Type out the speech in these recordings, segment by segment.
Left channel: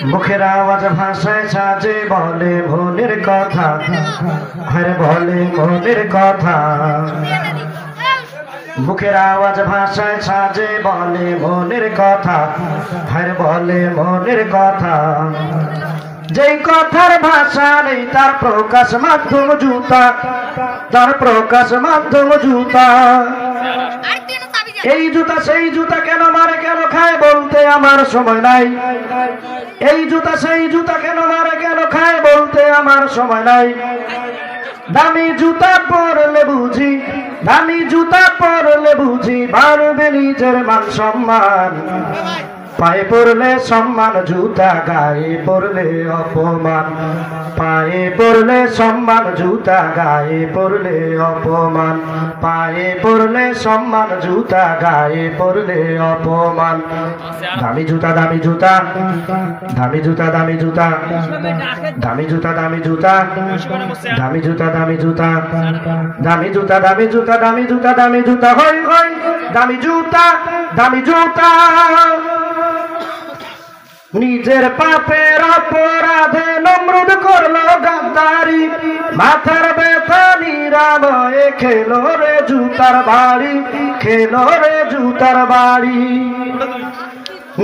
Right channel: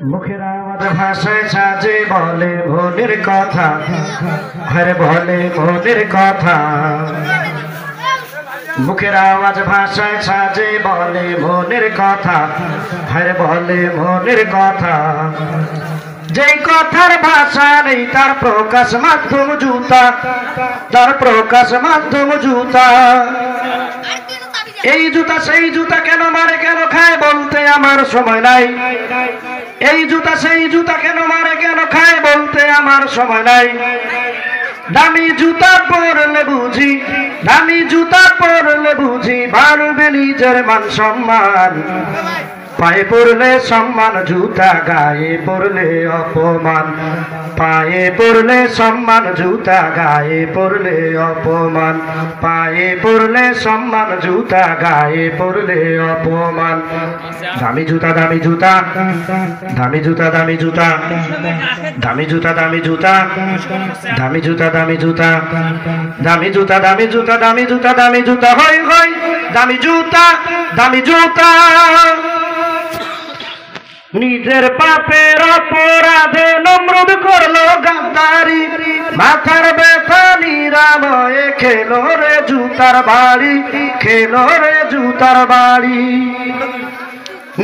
মুখের আওয়াজ ভাষায় সাজে বলে মনের কথা, আরে বলে মনের কথা। মুখের আওয়াজ ভাষায় সাজে বলে মনের কথা, আরে বলে মনের কথা। যেই কথার ভাষা নেই তার প্রকাশ মাধ্যম জুতা, তার প্রকাশ মাধ্যম জুতা। এই জুতা সেই জুতা, কেন মারে কেন খায় বলতে আমার সময় নাই। এই জুতা সেই জুতা, কেন মারে কেন খায় বলতে আমার সময় নাই। দামি জুতা পরলে বুঝি, দামি জুতা পরলে বুঝি বাড়বে নিজের মান সম্মান। পায়ে পড়লে সম্মান, জুতা গায়ে পড়লে অপমান। পায়ে পড়লে সম্মান, জুতা গায়ে পড়লে অপমান। পায়ে পড়লে সম্মান, জুতা গায়ে পড়লে অপমান। দামি জুতা, দামি জুতা, দামি জুতা, দামি জুতা, দামি জুতা, দামি জুতা, দামি জুতা, দামি জুতা, দামি জুতা, দামি জুতা, দামি জুতা, দামি জুতা, হই হই দামি জুতা, দামি জুতা। নিজের পাপের অপরাধে নমরুদ করলো গাদ্দারি, মাথার ব্যথা নিরাময়ে খেলো রে জুতার বাড়ি, খেলো রে জুতার বাড়ি।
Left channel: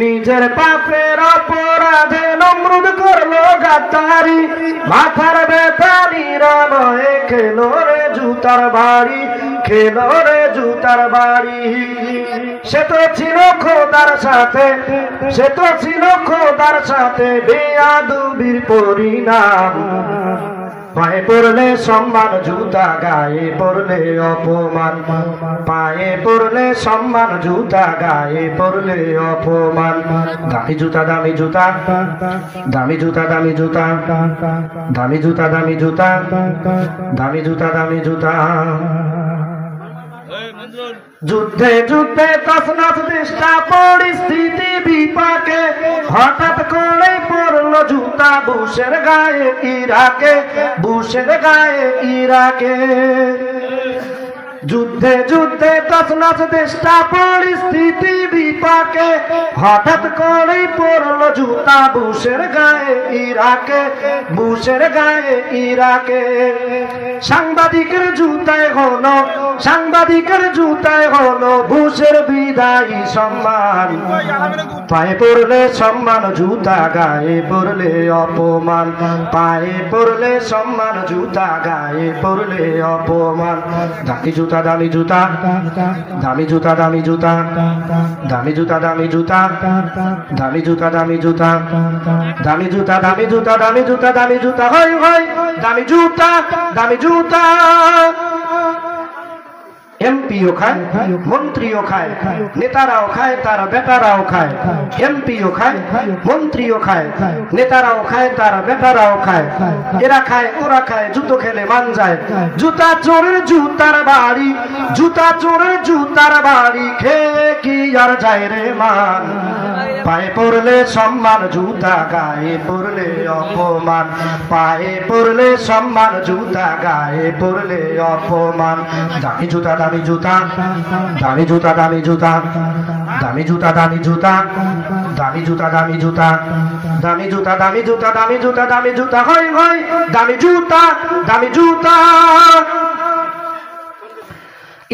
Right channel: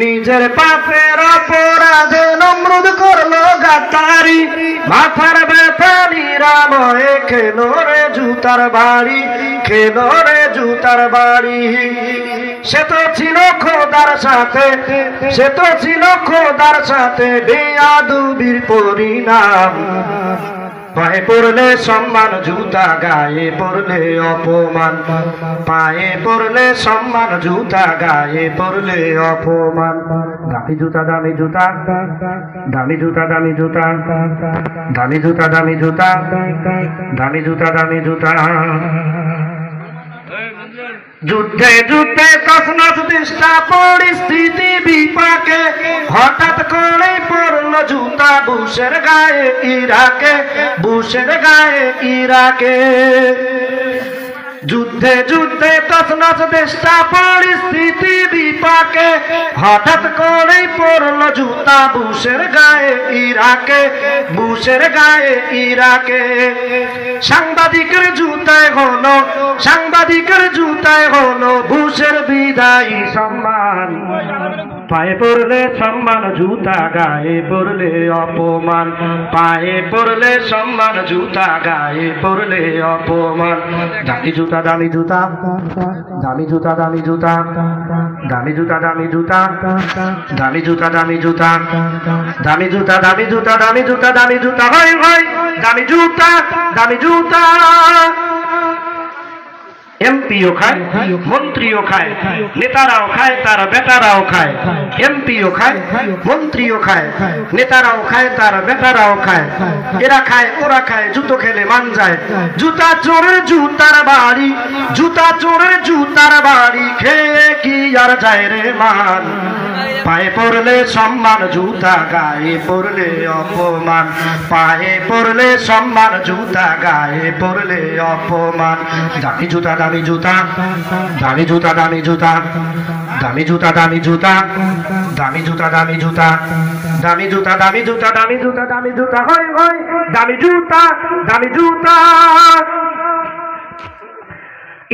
নিজের পাপের অপরাধে নমরুদ করলো গাদ্দারি, মাথার ব্যথা নিরাময়ে খেলো রে জুতার বাড়ি, খেলো রে জুতার বাড়ি। সে তো ছিল খোদার সাথে, সে তো ছিল খোদার সাথে বেয়াদবির পরিণাম। পায়ে পড়লে সম্মান, জুতা গায়ে পড়লে অপমান। পায়ে পড়লে সম্মান, জুতা গায়ে পড়লে অপমান। দামি জুতা, দামি জুতা, দামি জুতা, দামি জুতা, দামি জুতা, দামি জুতা, দামি জুতা, দামি জুতা। যুদ্ধে যুদ্ধে তছনছ দিশটা পরিস্থিতি বিপাকে, হঠাৎ করে পড়লো জুতা বুশের গায়ে ইরাকে, বুশের গায়ে ইরাকে। যুদ্ধে যুদ্ধে তছনছ দেশটা পরিস্থিতি বিপাকে, হঠাৎ করে পড়লো জুতা বুশের গায়ে ইরাকে, বুশের গায়ে ইরাকে। সাংবাদিকের জুতায় হলো, সাংবাদিকের জুতায় হলো বুশের বিদায়ী সম্মান। পায়ে পড়লে সম্মান, জুতা গায়ে পড়লে অপমান। পায়ে পড়লে সম্মান, জুতা গায়ে পড়লে অপমান। দামি জুতা, দামি জুতা, দামি জুতা, দামি জুতা, দামি জুতা, দামি জুতা, দামি জুতা, দামি জুতা, দামি জুতা, দামি জুতা, দামি জুতা, দামি জুতা, হই হই দামি জুতা, দামি জুতা। এমপিও খায়, মন্ত্রীও খায়, নেতারাও খায়, তার বেটারাও খায়। এমপিও খায়, মন্ত্রীও খায়, নেতারাও খায়, তার বেটারাও খায়। এরা খায়, ওরা খায়, জুতো খেলে মান যায়। জুতা চোরের জুতার বাড়ি, জুতা চোরের জুতার বাড়ি, খেয়ে কি আর যায় রে মান। পায়ে পড়লে সম্মান, জুতা গায়ে পড়লে অপমান। পায়ে পড়লে সম্মান, জুতা গায়ে পড়লে অপমান। দামি জুতা, দামি জুতা, দামি জুতা, দামি জুতা, দামি জুতা, দামি জুতা, দামি জুতা, দামি জুতা, দামি জুতা, দামি জুতা, দামি জুতা, দামি জুতা, হই হই দামি জুতা, দামি জুতা।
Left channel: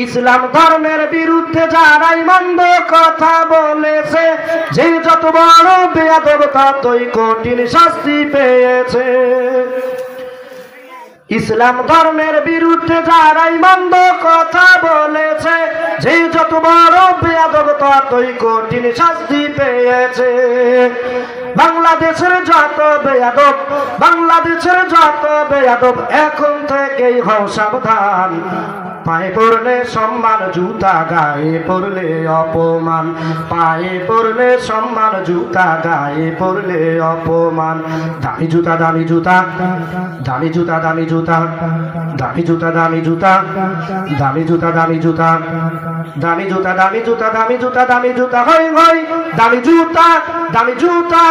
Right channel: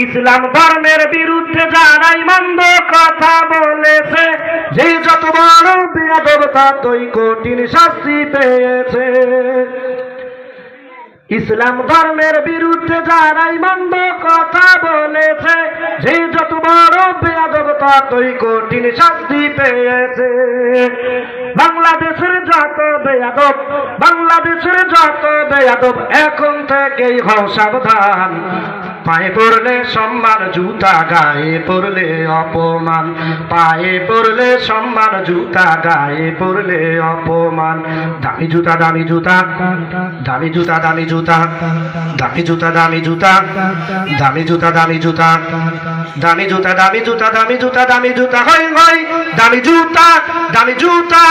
ইসলাম ধর্মের বিরুদ্ধে যারাই মন্দ কথা বলেছে, যে যত বড় বেয়াদব ততই কঠিন শাস্তি পেয়েছে। ইসলাম ধর্মের বিরুদ্ধে যারাই মন্দ কথা বলেছে, যে যত বড় বেয়াদব ততই কঠিন শাস্তি পেয়েছে। বাংলাদেশের যত বেয়াদব, বাংলাদেশের যত বেয়াদব এখন থেকেই হও সাবধান। পায়ে পড়লে সম্মান, জুতা গায়ে পড়লে অপমান। পায়ে পড়লে সম্মান, জুতা গায়ে পড়লে অপমান। দামি জুতা, দামি জুতা, দামি জুতা, দামি জুতা, দামি জুতা, দামি জুতা, দামি জুতা, দামি জুতা, দামি জুতা, দামি জুতা, দামি জুতা, দামি জুতা, হই হই দামি জুতা, দামি জুতা।